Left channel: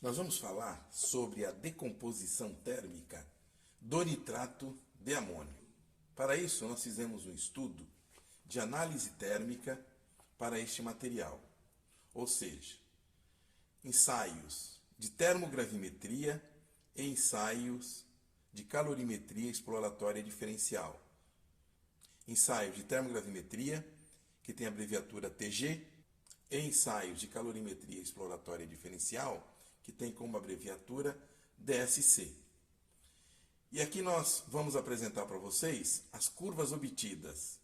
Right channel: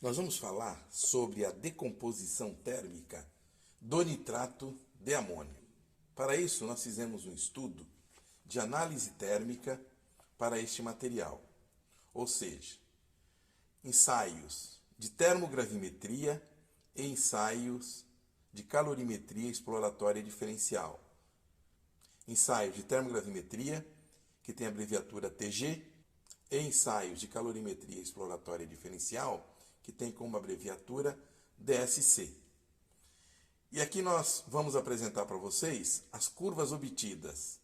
Nós vamos falar sobre a decomposição térmica do nitrato de amônio. Para isso, nós fizemos um estudo de análise térmica para este material, ou seja, ensaios de termogravimetria e ensaios de calorimetria exploratória diferencial. Ensaios de termogravimetria, que tem a abreviatura TG, e ensaios de calorimetria exploratória diferencial, que tem como abreviatura DSC. E aqui nós vamos apresentar para vocês as curvas obtidas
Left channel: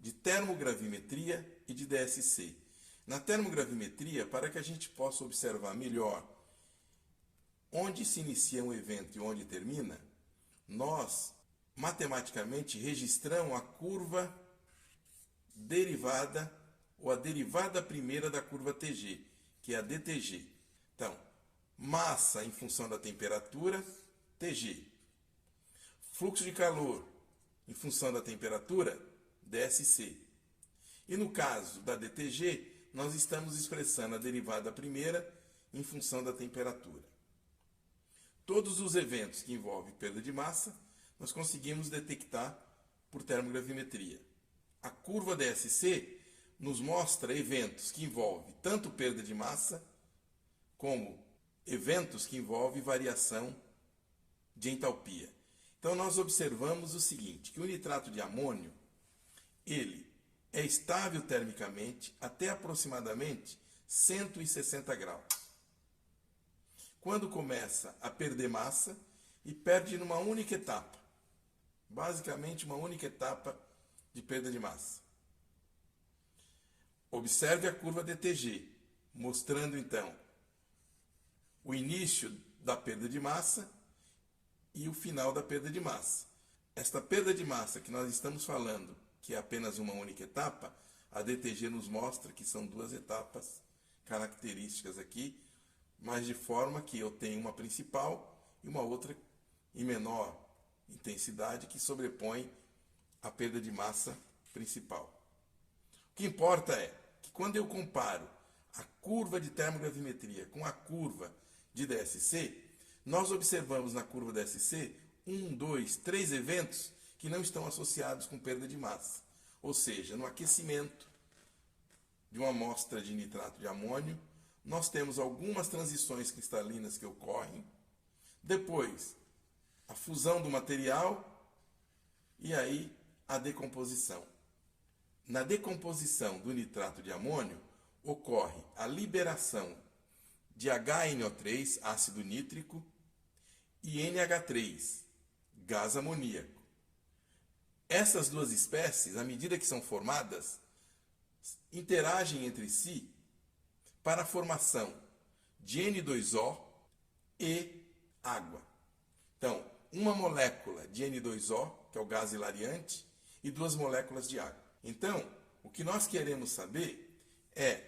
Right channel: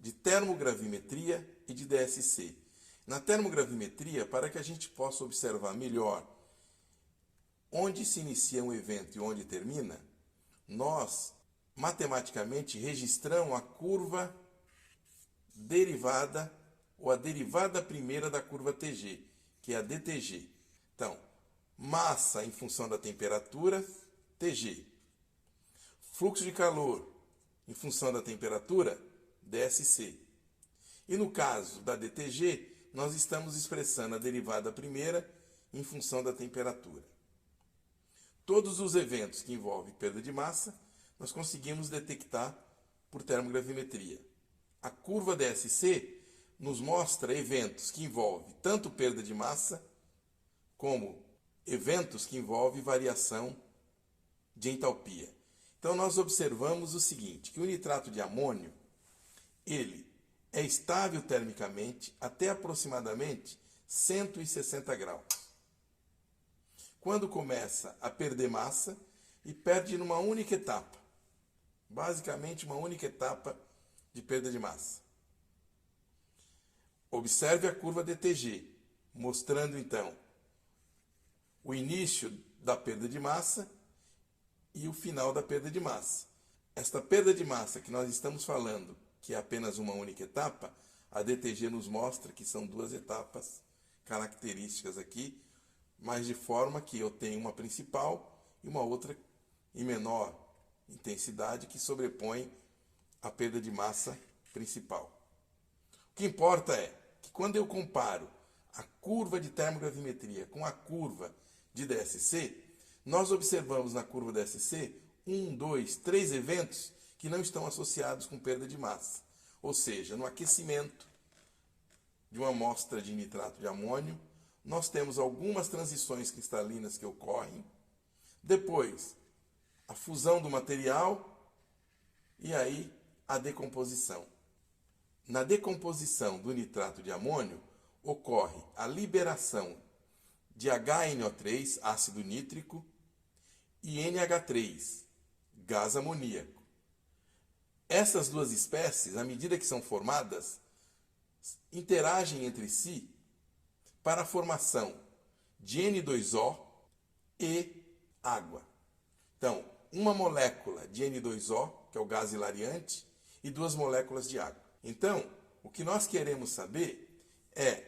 de termogravimetria e de DSC. Na termogravimetria, para que a gente possa observar melhor onde se inicia um evento e onde termina, nós matematicamente registramos a curva derivada ou a derivada primeira da curva TG, que é a DTG. Então, massa em função da temperatura, TG. Fluxo de calor em função da temperatura, DSC. E no caso da DTG, nós estamos expressando a derivada primeira em função da temperatura. Todos os eventos que envolvem perda de massa, nós conseguimos detectar por termogravimetria. A curva DSC nos mostra eventos que envolvem tanto perda de massa, como eventos que envolvem variação de entalpia. Então nós observamos o seguinte, que o nitrato de amônio, ele é estável termicamente até aproximadamente 160 graus. Quando começa a perder massa e perde numa única etapa, basicamente uma única etapa de perda de massa. Observe a curva DTG, mostrando então o início da perda de massa e o final da perda de massa. Esta perda de massa que nós estamos falando, que é apenas uma única etapa, a DTG nos mostra que são duas etapas características aqui, mas de forma que eu tenho uma principal e uma outra em menor intensidade que sobrepõe a perda de massa principal. O que importa é que quando eu comparo a curva de termogravimetria com a curva de DSC, nós observamos na curva DSC 1, 2, 3 eventos que não estão associados com perda de massa. Ou seja, no aquecimento de uma amostra de nitrato de amônio, nós temos algumas transições cristalinas que ocorrem, depois a fusão do material e aí a decomposição. Na decomposição do nitrato de amônio, ocorre a liberação de HNO3, ácido nítrico, e NH3, gás amoníaco. Essas duas espécies, à medida que são formadas, interagem entre si para a formação de N2O e água. Então, uma molécula de N2O, que é o gás hilariante, e duas moléculas de água. Então, o que nós queremos saber é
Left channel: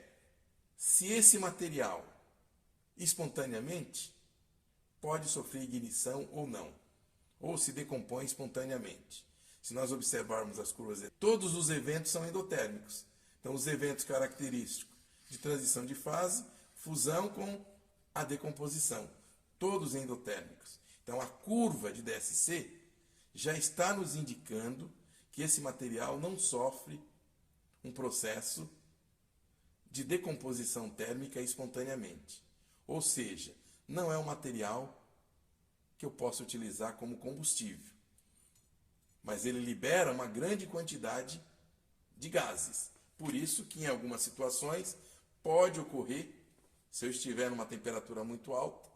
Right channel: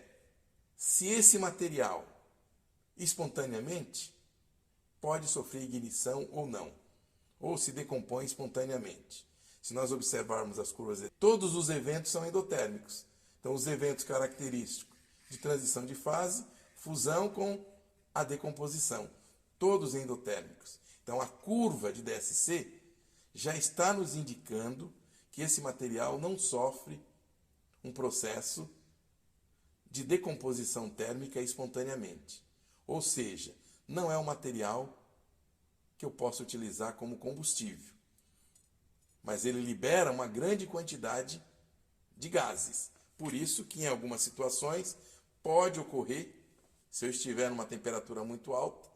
se esse material espontaneamente pode sofrer ignição ou não, ou se decompõe espontaneamente. Se nós observarmos as curvas, todos os eventos são endotérmicos. Então, os eventos característicos de transição de fase, fusão com a decomposição, todos endotérmicos. Então, a curva de DSC já está nos indicando que esse material não sofre um processo de decomposição térmica espontaneamente. Ou seja, não é um material que eu possa utilizar como combustível, mas ele libera uma grande quantidade de gases. Por isso que em algumas situações pode ocorrer, se eu estiver numa temperatura muito alta,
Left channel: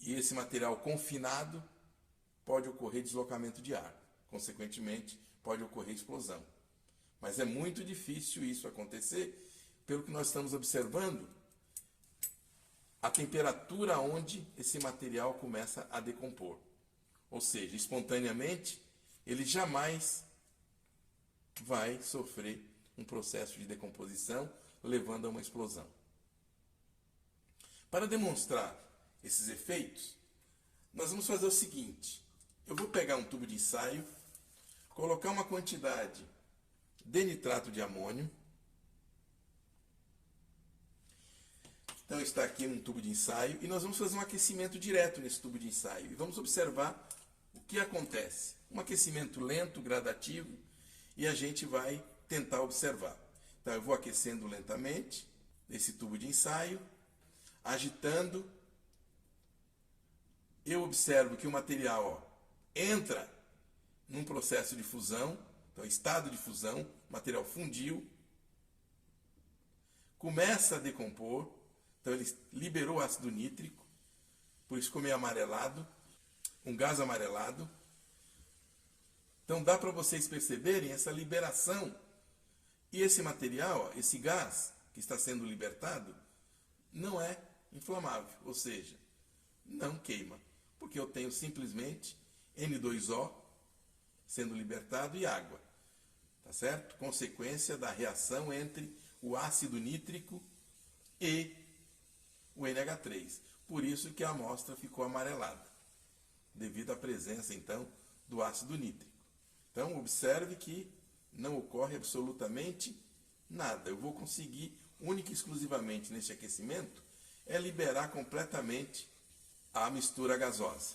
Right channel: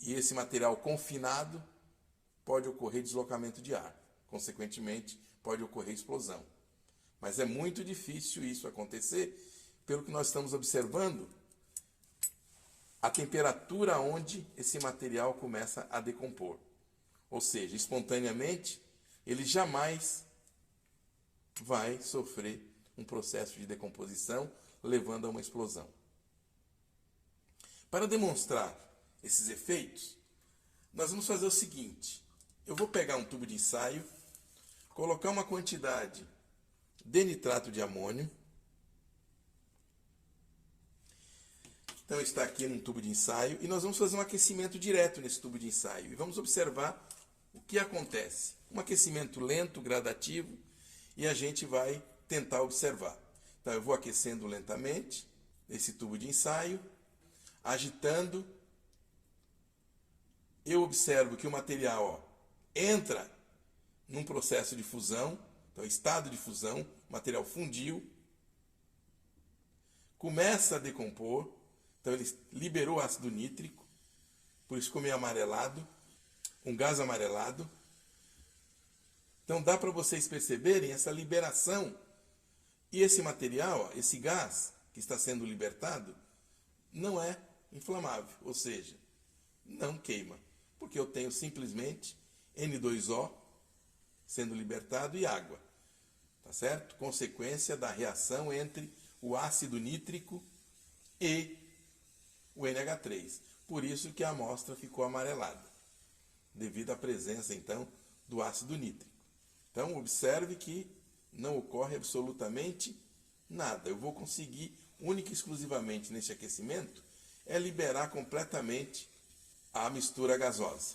e esse material confinado, pode ocorrer deslocamento de ar. Consequentemente, pode ocorrer explosão. Mas é muito difícil isso acontecer, pelo que nós estamos observando a temperatura onde esse material começa a decompor. Ou seja, espontaneamente, ele jamais vai sofrer um processo de decomposição, levando a uma explosão. Para demonstrar esses efeitos, nós vamos fazer o seguinte. Eu vou pegar um tubo de ensaio, colocar uma quantidade de nitrato de amônio. Então está aqui num tubo de ensaio e nós vamos fazer um aquecimento direto nesse tubo de ensaio. E vamos observar o que acontece. Um aquecimento lento, gradativo, e a gente vai tentar observar. Então eu vou aquecendo lentamente esse tubo de ensaio, agitando. Eu observo que o material entra num processo de fusão, então estado de fusão, o material fundiu, começa a decompor, então ele liberou ácido nítrico, por isso ficou meio amarelado, um gás amarelado. Então dá para vocês perceberem essa liberação. E esse material, esse gás que está sendo libertado, não é inflamável, ou seja, não queima, porque eu tenho simplesmente N2O sendo libertado e água, tá certo? Consequência da reação entre o ácido nítrico e o NH3. Por isso que a amostra ficou amarelada, devido à presença, então, do ácido nítrico. Então, observe que não ocorre absolutamente nada. Eu vou conseguir, única e exclusivamente neste aquecimento, é liberar completamente a mistura gasosa.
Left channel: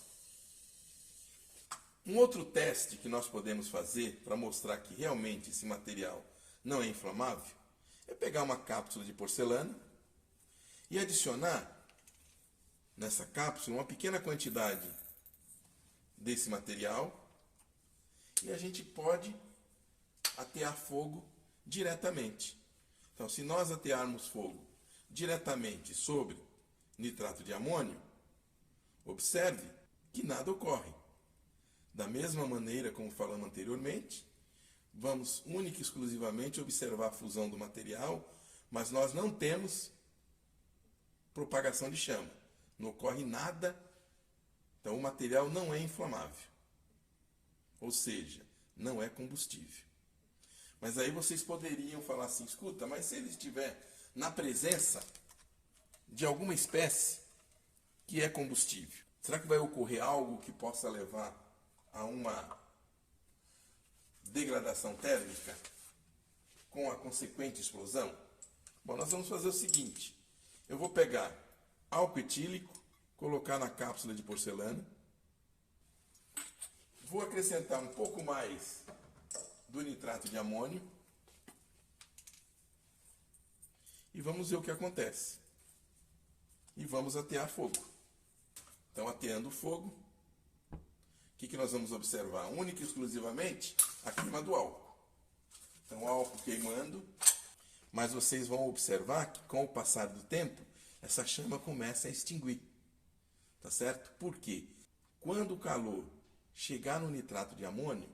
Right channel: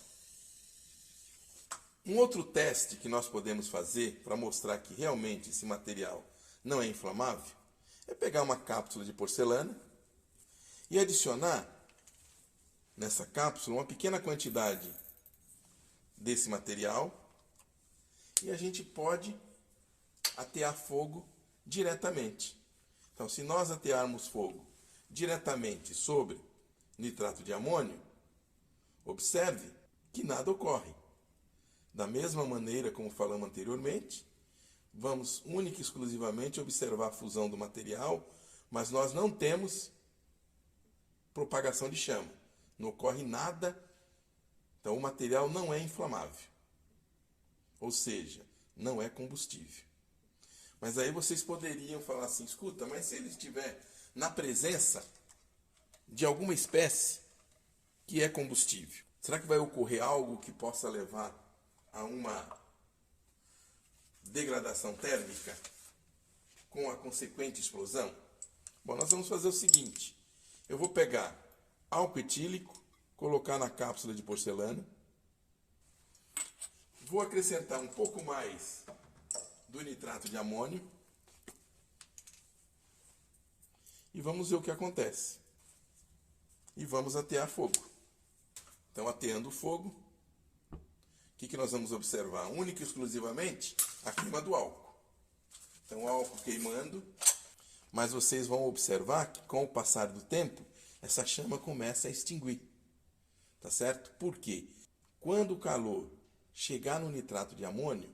Um outro teste que nós podemos fazer para mostrar que realmente esse material não é inflamável é pegar uma cápsula de porcelana e adicionar nessa cápsula uma pequena quantidade desse material e a gente pode atear fogo diretamente. Então, se nós atearmos fogo diretamente sobre nitrato de amônio, observe que nada ocorre. Da mesma maneira como falamos anteriormente, vamos única e exclusivamente observar a fusão do material, mas nós não temos propagação de chama. Não ocorre nada, então o material não é inflamável. Ou seja, não é combustível. Mas aí vocês poderiam falar assim, escuta, mas se ele estiver na presença de alguma espécie que é combustível, será que vai ocorrer algo que possa levar a uma degradação térmica com a consequente explosão? Bom, nós vamos fazer o seguinte, eu vou pegar álcool etílico, colocar na cápsula de porcelana, vou acrescentar um pouco mais do nitrato de amônio e vamos ver o que acontece. E vamos atear fogo. Então, ateando o fogo, o que nós vamos observar? Única e exclusivamente a queima do álcool. Então, o álcool queimando, mas vocês vão observar que com o passar do tempo, essa chama começa a extinguir. Tá certo? Por quê? Quando o calor chegar no nitrato de amônio,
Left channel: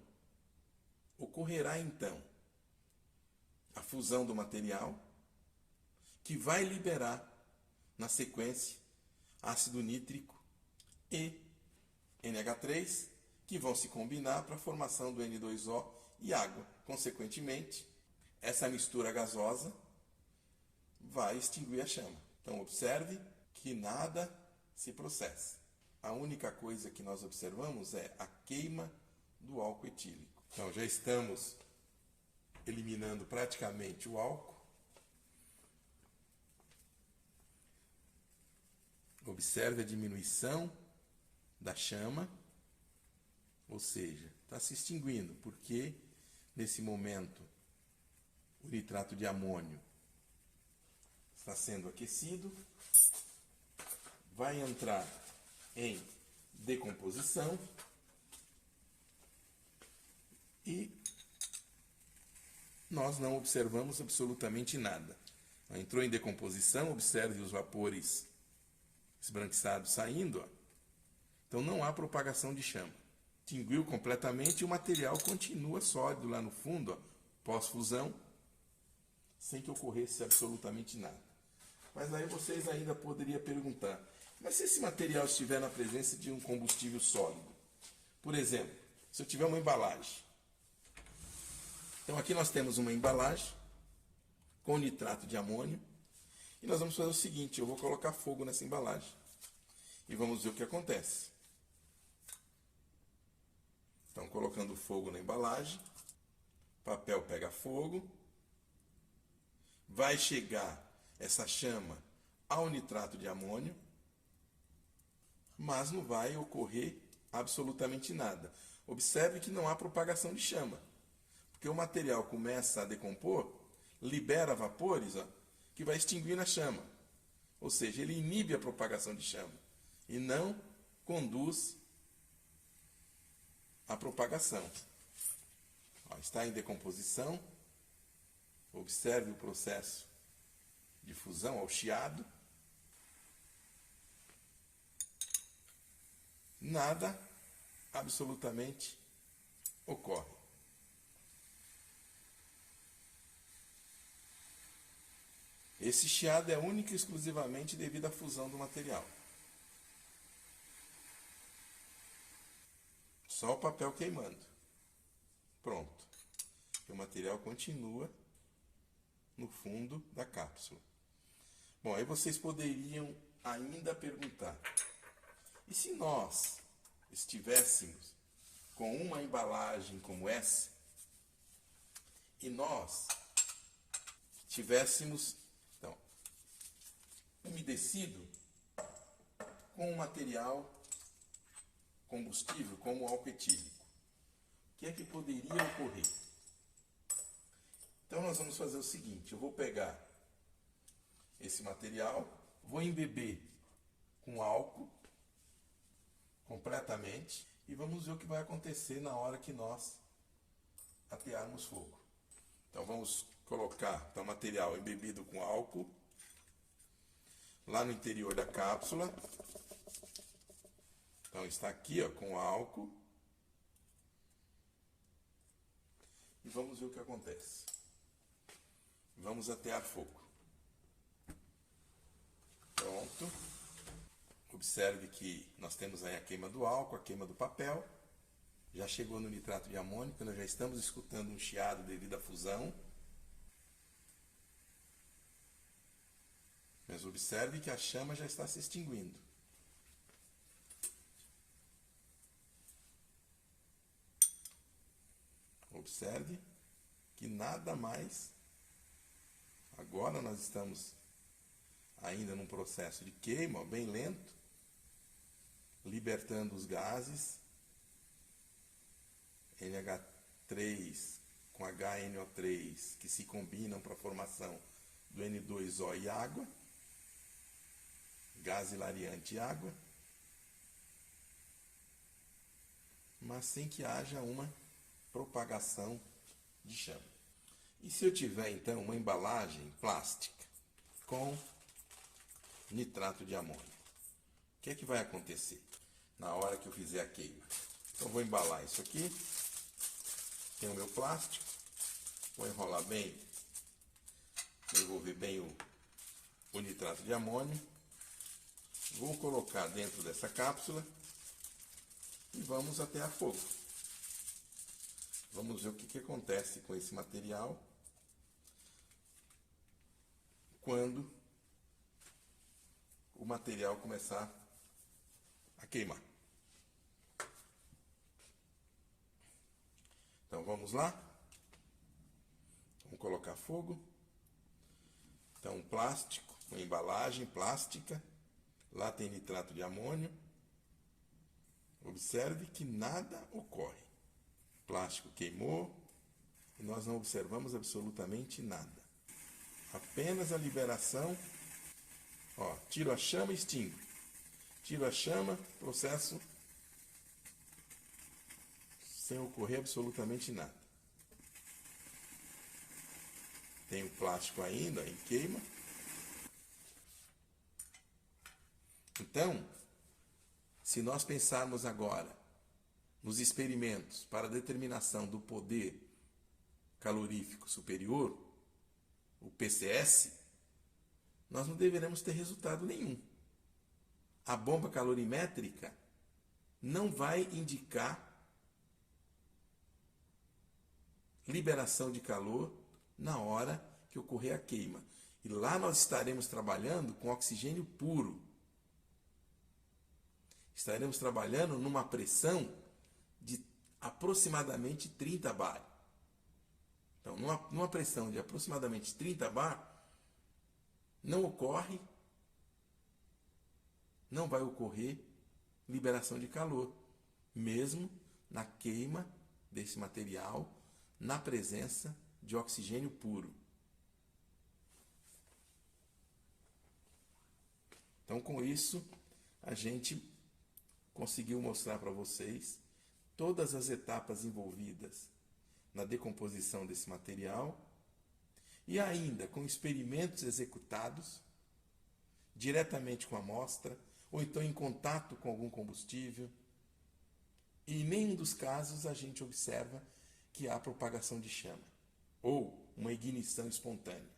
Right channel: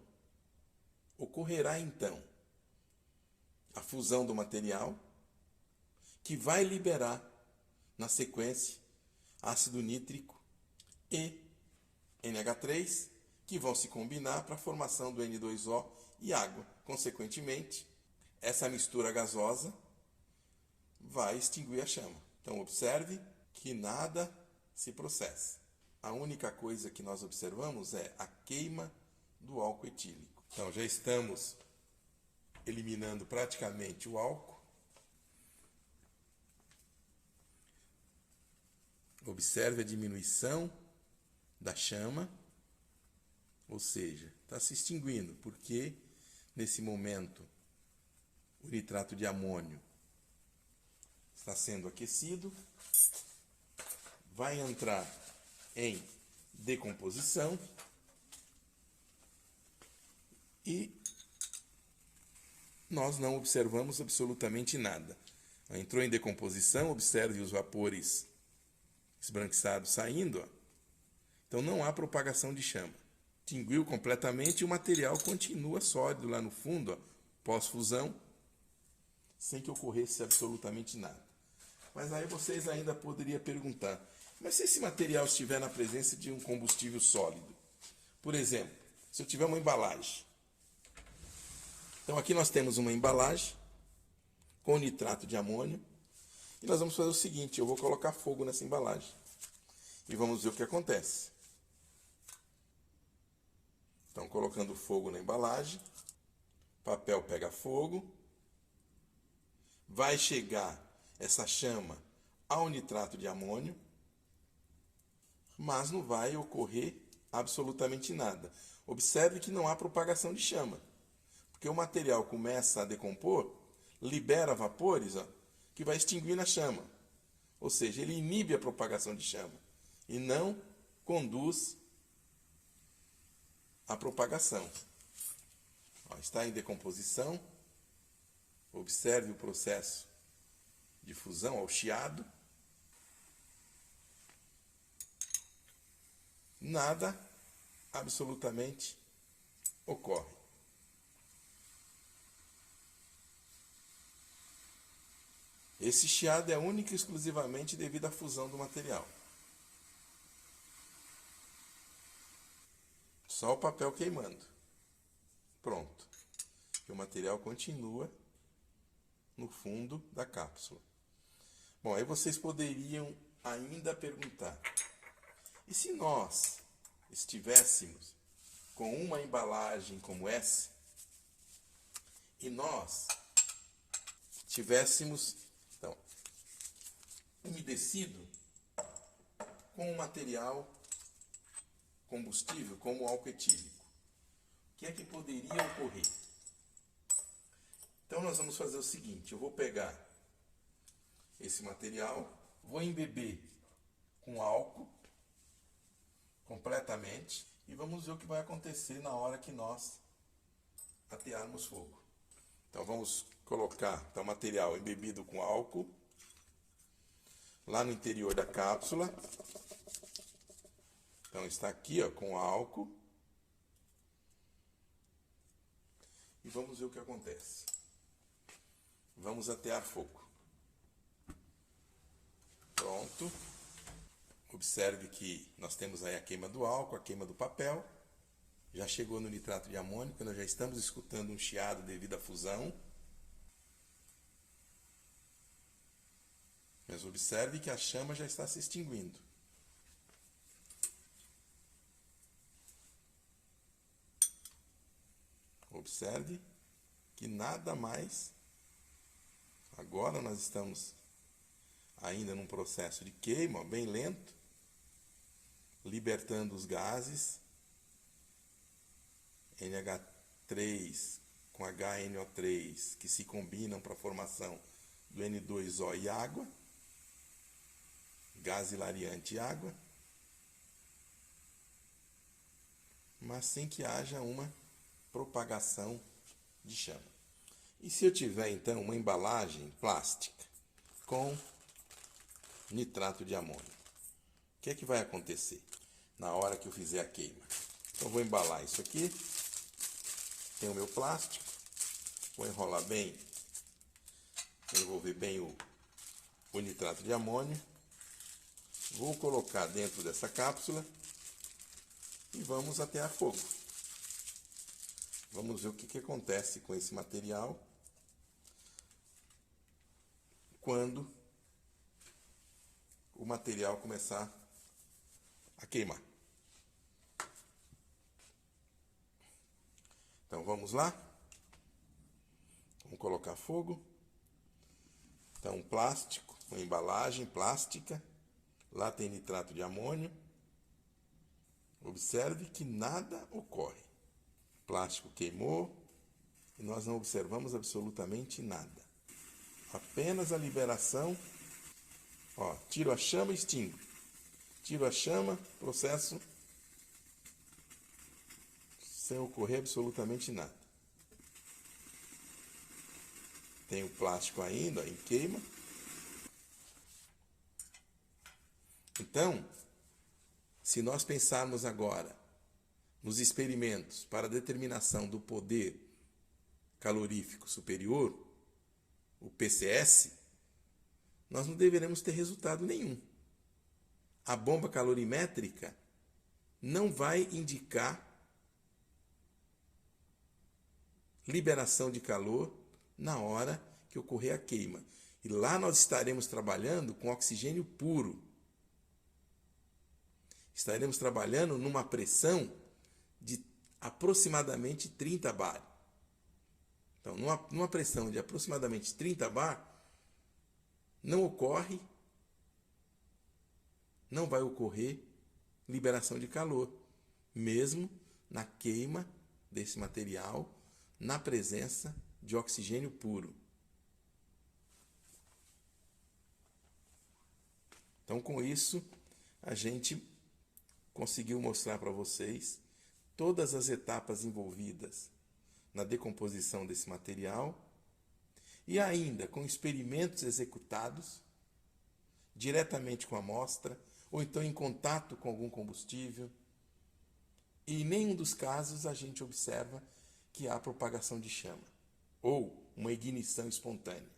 ocorrerá então a fusão do material, que vai liberar, na sequência, ácido nítrico e NH3, que vão se combinar para a formação do N2O e água. Consequentemente, essa mistura gasosa vai extinguir a chama. Então, observe que nada se processa. A única coisa que nós observamos é a queima do álcool etílico. Então, já estamos eliminando praticamente o álcool. Observe a diminuição da chama, ou seja, está se extinguindo, porque nesse momento o nitrato de amônio está sendo aquecido, vai entrar em decomposição e nós não observamos absolutamente nada. Entrou em decomposição, observe os vapores esbranquiçados saindo, ó. Então não há propagação de chama. Extinguiu completamente e o material continua sólido lá no fundo, ó, pós-fusão, sem que ocorresse absolutamente nada. Mas aí vocês ainda poderiam perguntar, mas se esse material estiver na presença de um combustível sólido? Por exemplo, se eu tiver uma embalagem. Então aqui nós temos uma embalagem com nitrato de amônio. E nós vamos fazer o seguinte, eu vou colocar fogo nessa embalagem. E vamos ver o que acontece. Então, colocando fogo na embalagem, o papel pega fogo, vai chegar essa chama ao nitrato de amônio, mas não vai ocorrer absolutamente nada. Observe que não há propagação de chama, porque o material começa a decompor, libera vapores, ó, que vai extinguir na chama. Ou seja, ele inibe a propagação de chama e não conduz à propagação. Ó, está em decomposição. Observe o processo de fusão ao chiado. Nada absolutamente ocorre. Esse chiado é único e exclusivamente devido à fusão do material. Só o papel queimando. Pronto. E o material continua no fundo da cápsula. Bom, aí vocês poderiam ainda perguntar: e se nós estivéssemos com uma embalagem como essa e nós tivéssemos, então, umedecido com um material combustível como o álcool etílico? O que é que poderia ocorrer? Então nós vamos fazer o seguinte: eu vou pegar esse material, vou embeber com álcool completamente e vamos ver o que vai acontecer na hora que nós atearmos fogo. Então vamos colocar o material embebido com álcool lá no interior da cápsula. Então está aqui, ó, com álcool. E vamos ver o que acontece. Vamos atear fogo. Pronto. Observe que nós temos aí a queima do álcool, a queima do papel. Já chegou no nitrato de amônio, nós já estamos escutando um chiado devido à fusão. Mas observe que a chama já está se extinguindo. Observe que nada mais. Agora nós estamos ainda num processo de queima, ó, bem lento, libertando os gases NH3 com HNO3 que se combinam para a formação do N2O e água, gás hilariante e água, mas sem que haja uma propagação de chama. E se eu tiver então uma embalagem plástica com nitrato de amônio, o que é que vai acontecer na hora que eu fizer a queima? Então vou embalar isso aqui, tem o meu plástico, vou enrolar bem, envolver bem o nitrato de amônio, vou colocar dentro dessa cápsula e vamos atear fogo. Vamos ver o que acontece com esse material quando o material começar a queimar. Então vamos lá. Vamos colocar fogo. Então plástico, uma embalagem plástica. Lá tem nitrato de amônio. Observe que nada ocorre. O plástico queimou e nós não observamos absolutamente nada. Apenas a liberação. Ó, tiro a chama e extingo. Tiro a chama, processo sem ocorrer absolutamente nada. Tem o plástico ainda em queima. Então, se nós pensarmos agora nos experimentos para determinação do poder calorífico superior, o PCS, nós não deveremos ter resultado nenhum. A bomba calorimétrica não vai indicar liberação de calor na hora que ocorrer a queima. E lá nós estaremos trabalhando com oxigênio puro. Estaremos trabalhando numa pressão de aproximadamente 30 bar. Então, numa pressão de aproximadamente 30 bar, não ocorre não vai ocorrer liberação de calor, mesmo na queima desse material, na presença de oxigênio puro. Então, com isso, a gente conseguiu mostrar para vocês todas as etapas envolvidas na decomposição desse material e ainda com experimentos executados diretamente com a amostra ou então em contato com algum combustível. E em nenhum dos casos a gente observa que há propagação de chama ou uma ignição espontânea.